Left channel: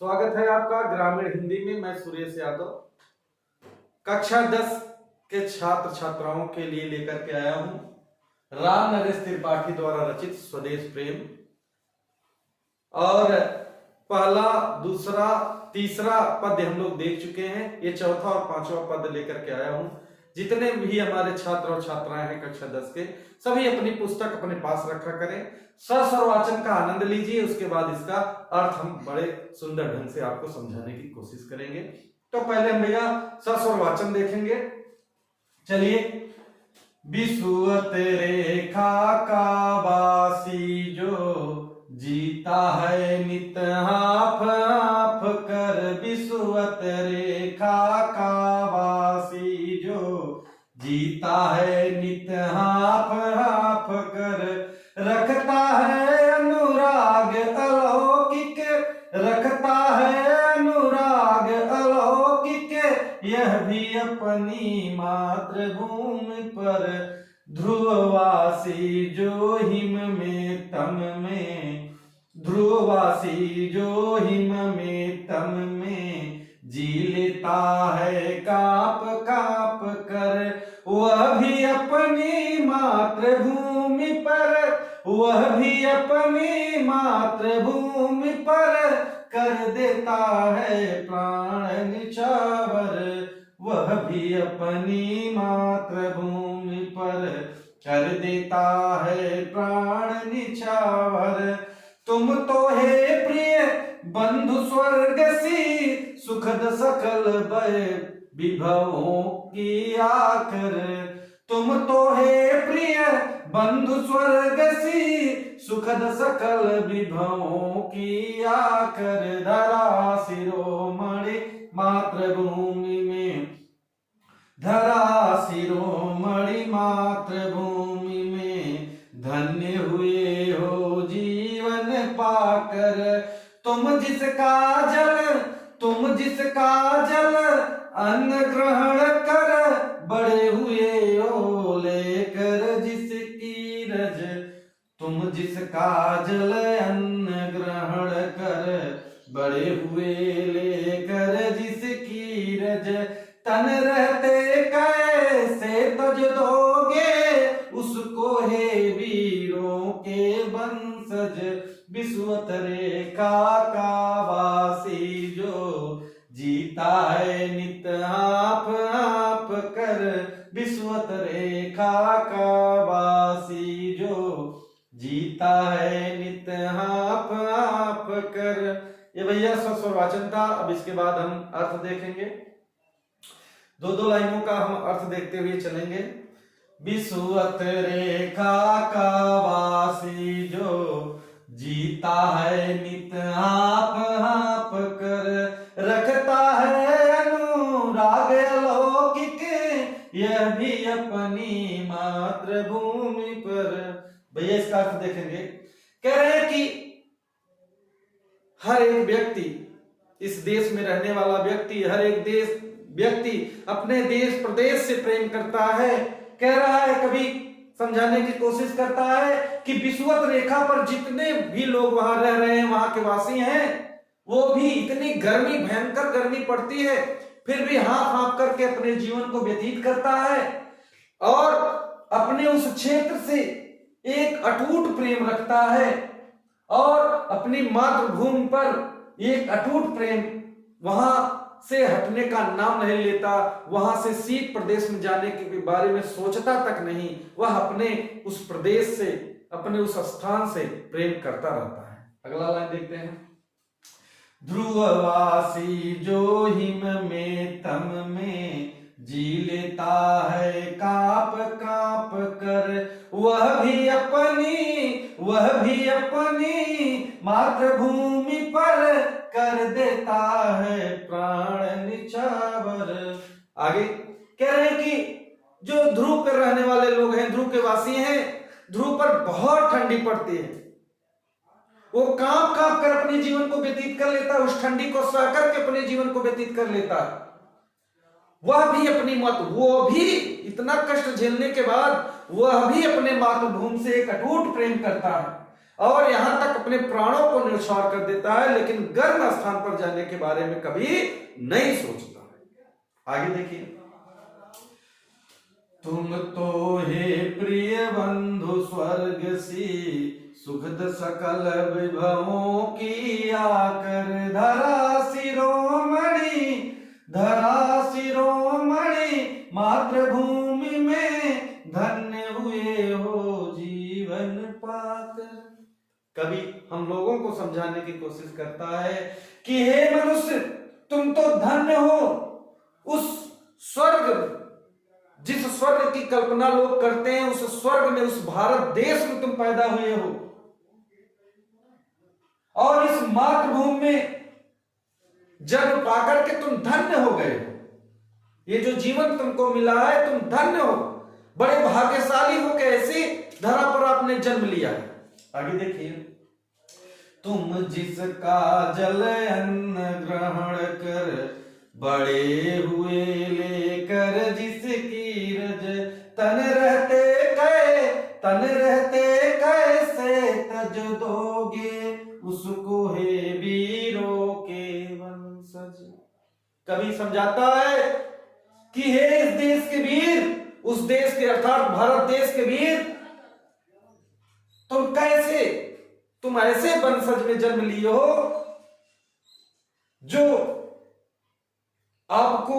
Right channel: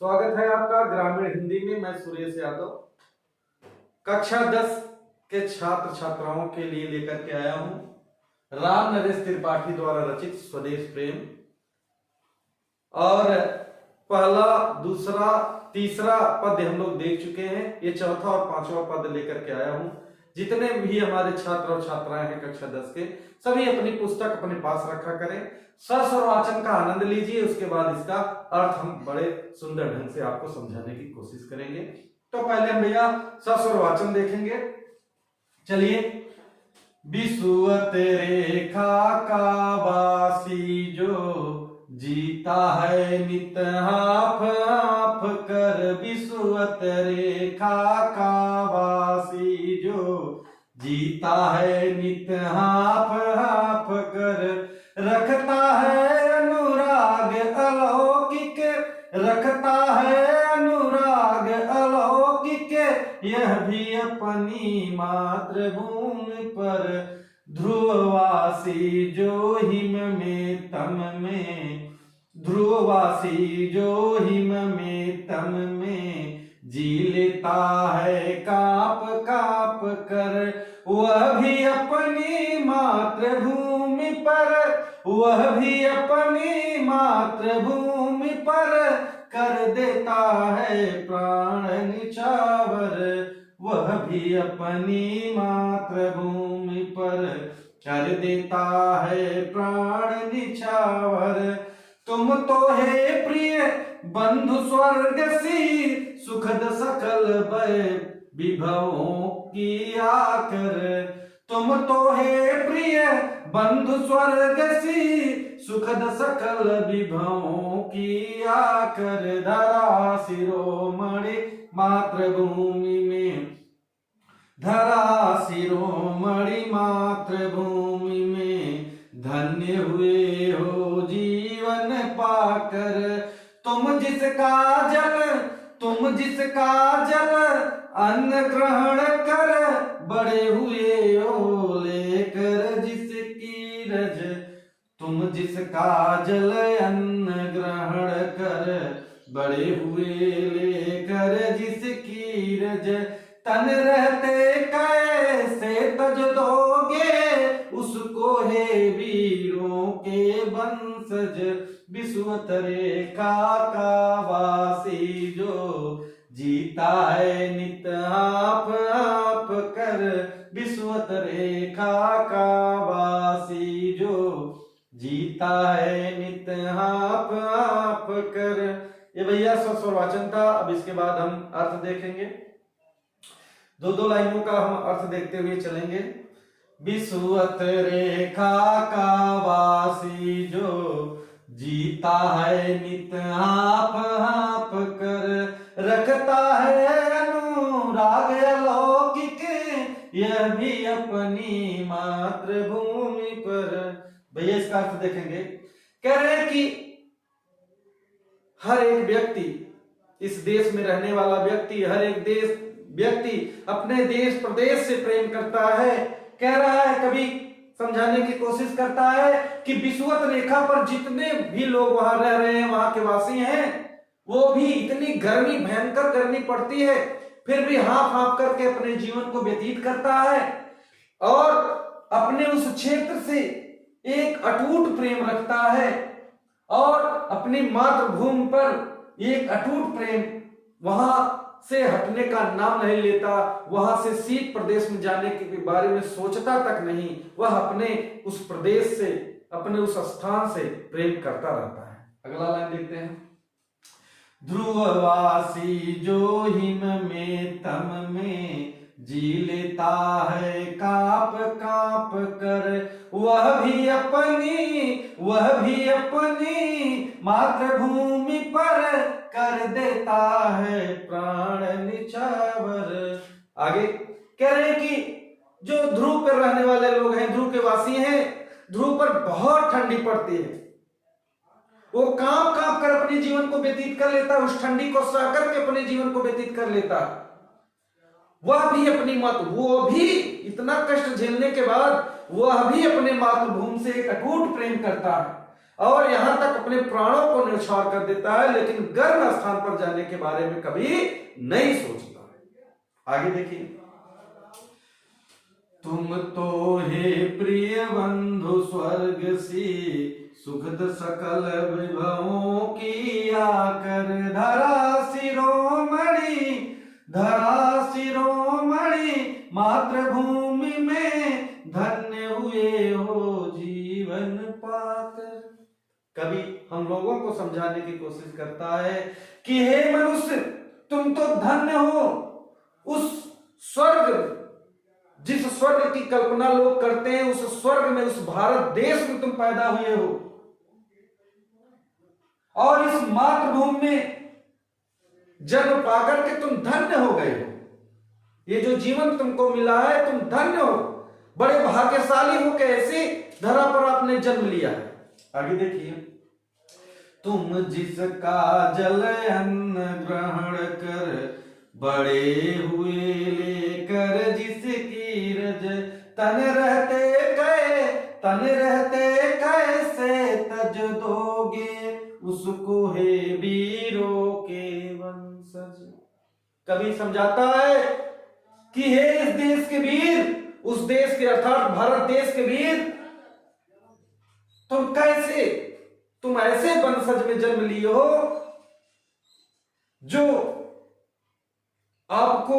स्वागत है आपका ग्रामीण हिंदी में। मैं सुरेश यादव कक्षा 10 के छात्र छात्राओं के लिए लेकर के आया हूं राम नरेश त्रिपाठी द्वारा रचित स्वदेश प्रेम। और पहला, दूसरा, तीसरा पद्य हम लोग देख चुके हैं। ये चौथा और पांचवा पद्य लेकर के आया हूं। जितने भी हमारे छात्र और छात्राएं हैं कक्षा 10 के, सभी अपनी पुस्तक अपने पास रखा करें, स्वर वाचन का आनंद लीजिए। उसके बाद इसका अर्थ हम बड़े सुंदर ढंग से आपको समझाने की कोशिश करेंगे। तो पहले हम भैया स्वर वाचन देखेंगे। चलिए। बिसुअत रेखा का वासी जो जीता है नित हाफ हाफ कर, बिसुअत रेखा का वासी जो जीता है नित हाफ हाफ कर, रखता है अनुराग अलौकिक, रखता है अनुराग अलौकिक, यह भी अपनी मातृभूमि पर, ध्रुववासी जो हिम में तम में, ध्रुववासी जो हिम में तम में जी लेता है काप काप कर, वह भी अपनी मातृभूमि पर, वह भी अपनी मातृभूमि पर कर देता है प्राण निछावर, वह भी अपनी मातृभूमि पर कर देता है प्राण निछावर। तुम तो हे प्रिय बंधु स्वर्ग सी, सुखद सकल भय विभवों की आकर, तुम तो हे प्रिय बंधु स्वर्ग सी, सुखद सकल विभवों की आकर, धरा शिरोमणि मातृभूमि में, धरा शिरोमणि मातृभूमि में, धन्य हुए हो जीवन पाकर, तुम जिसका जल, तुम जिसका जल अन्न ग्रहण कर, बड़े हुए हो लेकर जिसकी रज, तुम जिसका जल अन्न ग्रहण कर, बड़े हुए लेकर जिसकी रज, तन रहते कैसे तज दोगे उसको हे वीरों के वंशज, बिसुअत रेखा का वासी जो जीता है नित आप आप कर, बिसुअत रेखा का वासी जो जीता है नित आप आप कर। ये भैया स्वर वाचन था। अब इसके बाद हम अर्थ देखेंगे। दो दो लाइनों का हम अर्थ देखते हुए चलेंगे। बिसुअत रेखा का वासी जो जीता है नित आप आप कर, रखता है अनुराग अलौकिक, यह भी अपनी मातृभूमि पर। भैया इसका अर्थ देखेंगे। कह रहे हैं कि हर एक व्यक्ति, इस देश में रहने वाला व्यक्ति, हर एक देश व्यक्ति अपने देश प्रदेश से प्रेम करता है। कह रहा है, कभी समझाने की कोशिश करता है कि विषुवत रेखा पर जितने भी लोग वहां रह रहे हैं, वहां के वासी हैं, वो भी इतनी गर्मी, भयंकर गर्मी पड़ती है, फिर भी हाफ हाफ करके अपने जीवन को व्यतीत करता है और अपने उस क्षेत्र से एक अटूट प्रेम रखता है और अपनी मातृभूमि पर एक अटूट प्रेम, वहां से हटने का नाम नहीं लेता, वहां से शीत प्रदेश में जाने के बारे में सोचता तक नहीं। वह अपने उस प्रदेश से, अपने उस स्थान से प्रेम करता रहता है। अगला लाइन देखते हैं। ध्रुववासी जो हिम में तम में जी लेता है काप काप कर, वह भी अपनी मातृभूमि पर कर देता है प्राण निछावर। आगे कह रहे हैं कि जो ध्रुव पर रहने वाले लोग हैं, ध्रुव के वासी हैं, ध्रुव पर बहुत ठंडी पड़ती है, वो कांप कांप कर अपने जीवन को व्यतीत कर लेता है, उस ठंडी को सह करके अपने जीवन को व्यतीत कर लेता है। वह भी अपनी वो भी इतना कष्ट झेलने के बाद वह भी अपने मातृभूमि से एक अटूट प्रेम करता है। और यहां तक अपने प्राणों को न्यौछावर कर देता है, लेकिन गर्म स्थान पर जाने के बारे में कभी नहीं सोचता। आगे देखिए, तुम तो हे प्रिय बंधु स्वर्ग सी सुखद सकल विभवों की आकर धरा शिरोमणि मातृभूमि में धन्य हुए हो जीवन पाकर। कभी हम लोगों को समझाने की कोशिश करता है कि हे मनुष्य, तुम तो धन्य हो, उस स्वर्ग, जिस स्वर्ग की कल्पना लोग करते हैं, उस स्वर्ग में, उस भारत देश में तुम पैदा हुए हो, और इस मातृभूमि में जन्म पाकर के तुम धन्य हो गए हो। ये जो जीवन तुमको मिला है, तुम धन्य हो, बड़े भाग्यशाली हो, कैसे धरा पर आपने जन्म लिया है। आगे देखिए, तुम जिसका जल अन्न ग्रहण कर बड़े हुए लेकर जिसकी रज तन रहते कैसे तज दोगे उसको हे वीरों के वंशज। कभी समझाता है कि हे इस देश के वीर, उस देश के अर्थात भारत देश के वीर, तुम ऐसे वंशज में जन्म लिए हो जो आपको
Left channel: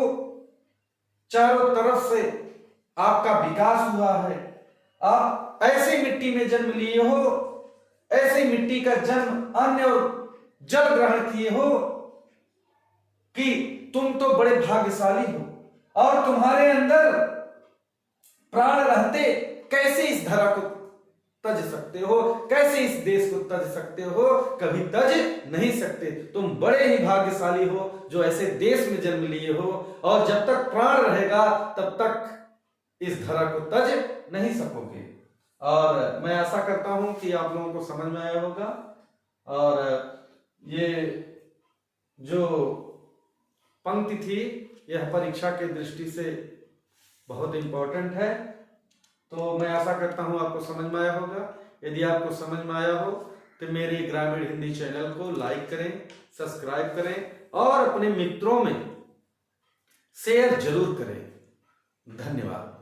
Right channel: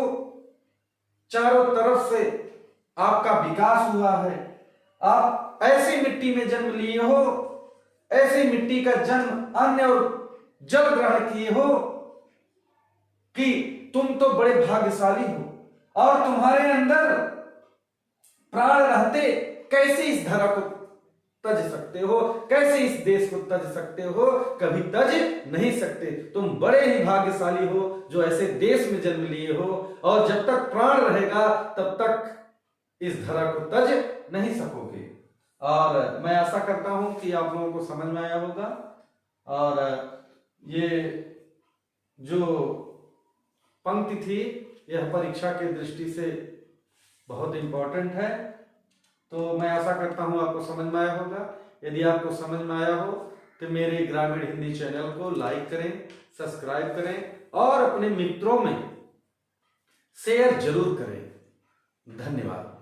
चारों तरफ से आपका विकास हुआ है। आप ऐसी मिट्टी में जन्म लिए हो, ऐसी मिट्टी का जन्म अन्न और जल ग्रहण किए हो कि तुम तो बड़े भाग्यशाली हो, और तुम्हारे अंदर प्राण रहते कैसे इस धरा को तज सकते हो, कैसे इस देश को तज सकते हो, कभी तज नहीं सकते। तुम बड़े ही भाग्यशाली हो जो ऐसे देश में जन्म लिए हो, और जब तक प्राण रहेगा तब तक इस धरा को तज नहीं सकोगे। और मैं आशा करता हूं कि आप लोगों को समझ में आया होगा। और ये जो पंक्ति थी, यह परीक्षा की दृष्टि से बहुत इंपॉर्टेंट है, तो मैं आशा करता हूं आपको समझ में आया होगा। यदि आपको समझ में आया हो तो मेरे ग्रामीण हिंदी चैनल को लाइक करें, सब्सक्राइब करें और अपने मित्रों में शेयर जरूर करें। धन्यवाद।